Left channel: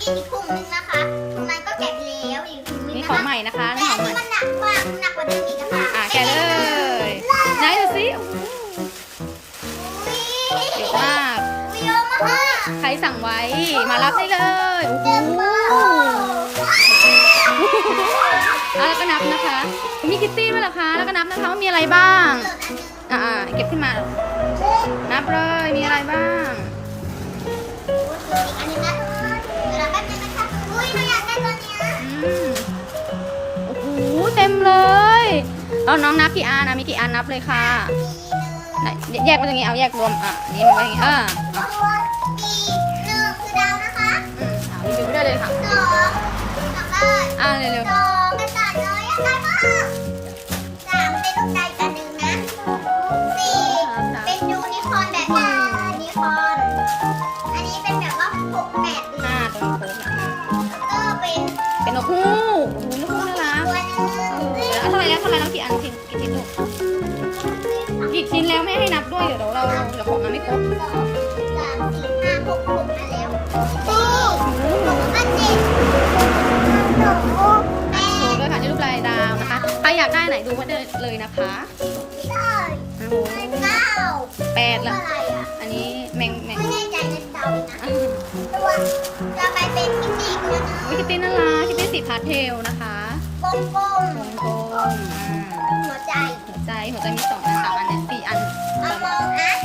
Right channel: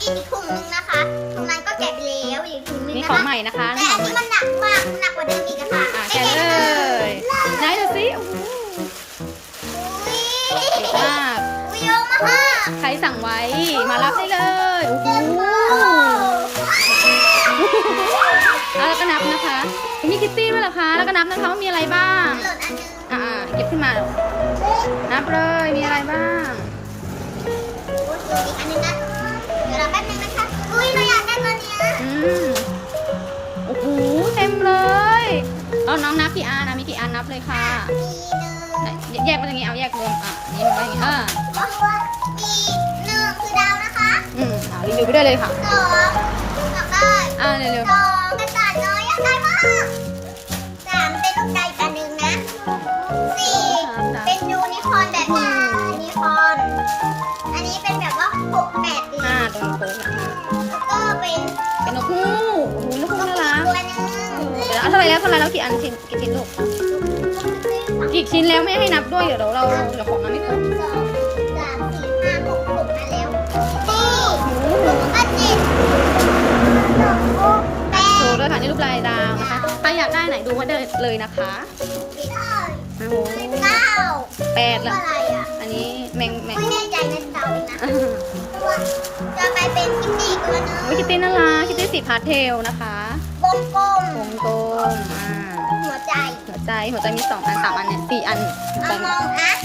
อีกอีกถุงนึงนะคะถุงนั้นก็แกะไปแล้วอีกถุงนึงนี่นะของคะใหม่นะคะแต่นี่ขอัอนงใหม่นี้มันหนักมากหนักกว่าเดิมอีกอะค่ะอะแกะเลยไหนดูสิโอ้โหเยอะมากอุ้ยเยอะมากใครสั่งไว้ มารับได้เลยโอ้โหอะแล้วก็นับนะคะ มีคิตตี้ด้วยเหรอคะ แล้วก็นับนะคะว่ามีอะไรบ้าง หล่นอันหนึงอ่าๆเก็บขึ้นมา นับเลย มีอะไรบ้างอุ้ยอีกอันหนึงนะ เอาน้องนับกี่อันนะมีกี่อันนับเลยค่ะมีหนึ่งไหนแยกเป็นอย่างนี้เอาแยกรวมอะอันนี่มันไว้อย่างนี้อ่าเพราะว่ามีหนึ่งคือดาวนะคะอืมเอารีวิวไปด้วยเลยค่ะสองอยากได้อ่าเร็วสองกระต่ายน้อยอยากได้มากสามเป็นลูกไก่ตัวหนึ่งนะสี่ๆเป็นยูนิคอร์นแบบนี้ยูนิคอร์นอันนี้เป็นแบบว่าหกแปดเดือนห้าตัวนี้โค้งอะ กี่อันกี่กี่ชิ้นลูกกี่ชิ้นแล้วไม่ให้นับด้วยเดี๋ยวเราเดี๋ยวของมาไม่ครบสองสามสี่ห้าหกหกอันแล้วสี่โอ้โหแล้วก็เจ็ดแปโชดว์ด้วยค่ะนี่รูปลายดาวนะคะใครอยากได้ไหนดูไว้ได้เลยนะคะโอ้โหเก้าแปดตัวละอะไรอะอันนี้แมงแมงไม่แน่ใจในเดานะตัวจะไปเป็นกิมมี่ตัวหนึงโอ้ยคิตตี้น่ารักคิตตี้สีพาสเทลนะคะวงกลมวงกลมอ่าหัวใจหัว ใจ หัวใจมีสองอันสามอันเนี่ยสี่อันอมองอัส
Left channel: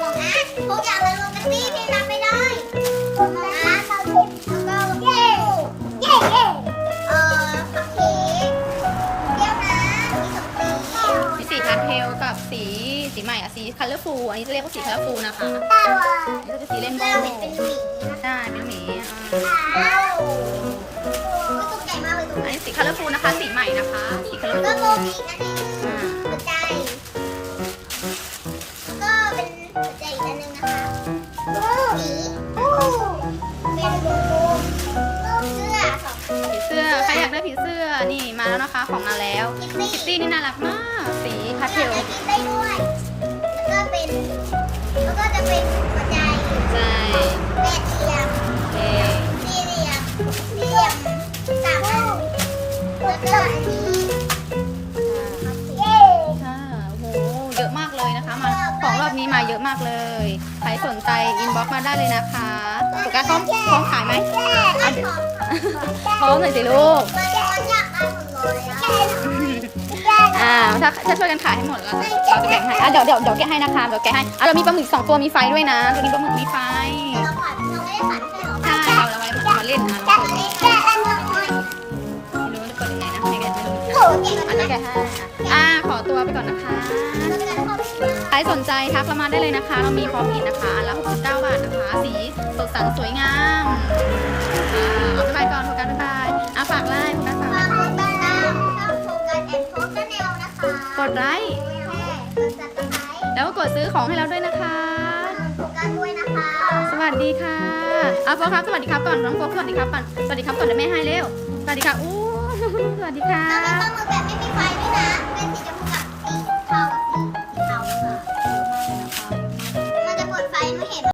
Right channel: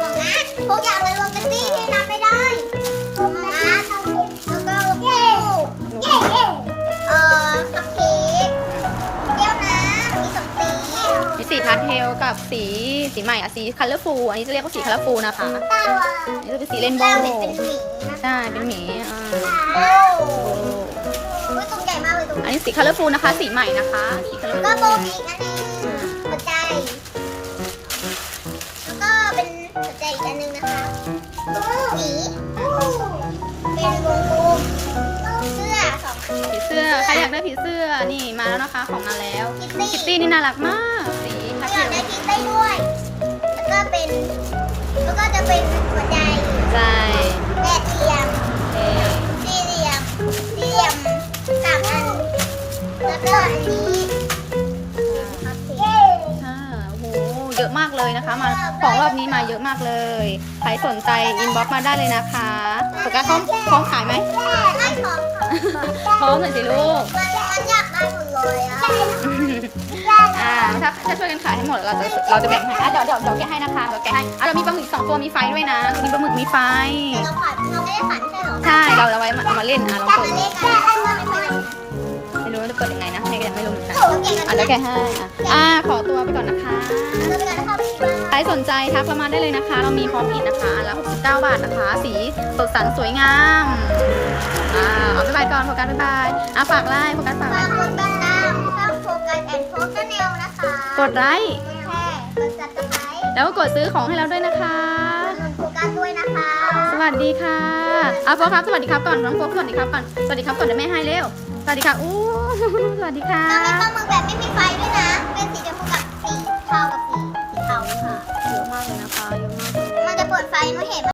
มองอัสทุกอย่างเลยรวมกันที่ที่นับไม่ได้มองอัสแล้วก็เย้เย้เอ่อคัพเค้กเปรี้ยวน้ำมีสองสีมีสีพาสเทลกับสีสีใหม่อะสีคัลเลอร์ฟูอันนี้จะเรียกว่าสีคัลเลอร์ฟูนะคะตาอันนี้จะเป็นสีเรนโบเราว์เห็นเป็นหมีนะใช่เป็นหมีว้า อันนี้สีคัลเลอร์ฟูนะคะ สีใหม่นะคะ สีคัลเลอร์ก็ฟูโบมีอีกอันหนึงหัวใจ แล้วก็เป็นหัวใจอีกอันหนึงนะคะหมีเป็นวงกลมเสื้อสองอัน ผีเสื้อ ใครอยากได้ผีเสื้อ นี่มาแล้วนะคะ ของมาแล้วคิตตี้คิตตี้นี่น่ารักมาก สีพาสเราเทอยากลได้คิตตี้ด้วย แล้วก็เป็น แล้วก็จะเป็นหัวใจ ใจ แล้วก็อันนี้เย้ค่ะโอ้โหเยอะมากเลยนะคะ มาของรอบนี้มาเยอะมากเลยใครสนใจอินบ็อกมาได้เลยนะคะโฟกัสพร้อมพร้อมขายไหมไม่พร้อมค่ะพร้อมเลยสิลูก มันมันอยากได้หมดเลยอะอ่าถ้าถ้าช่วยกันขายให้หมดเราจะเราจะแบ่งให้อะเดี๋ยวเดี๋ยวเดี๋ยวแกะให้นะคะเดี๋ยวแกะให้อะเดี๋ยวมีปลาหมึกสองตัวมีไฟด้วยนะตัวนี้ปลาหมึกมีไฟแต่เราผ่านเราไม่ได้ผ่านใช่เหรอใช่ เราเอาไว้เอามาเล่นอะลองแต่เปิดเลดูขอะไรได้ว่าไม่เคยเล่น ให้อ่าขอตัวไปก่อนนะคะเราไปกันนะคะพี่ใครสนใจทักเรามาได้เลยนะคะ เรามีพร้อมอินนะคะอันละ69 บาทนะคะ สีสดสันสวยงามอ่าเอาไปบายก่อนโฟกัสบ๊ายบายอะฝากไลน์โฟกัสฝากไลฝากน์กดติดตามช่องโฟกัสแอนด์โฟกัสแนลนะคะกดไลค์แชร์กดซับสไครต์แล้วก็กดซื้อของให้เราด้วยนะคะกดโฟกัสด้วยนะคะ สวัสดีค่ะอะโฟครับสวัสดีครับก่อนน้องโฟกสวัสดีครับก่อนสวัสดีครับก่อนเดี๋ยวแม่ให้เร็วส วัสดีค่ะอู้สวัสดีค่ะเรามีข้อมือแบบไม่มีไฟด้วยนะ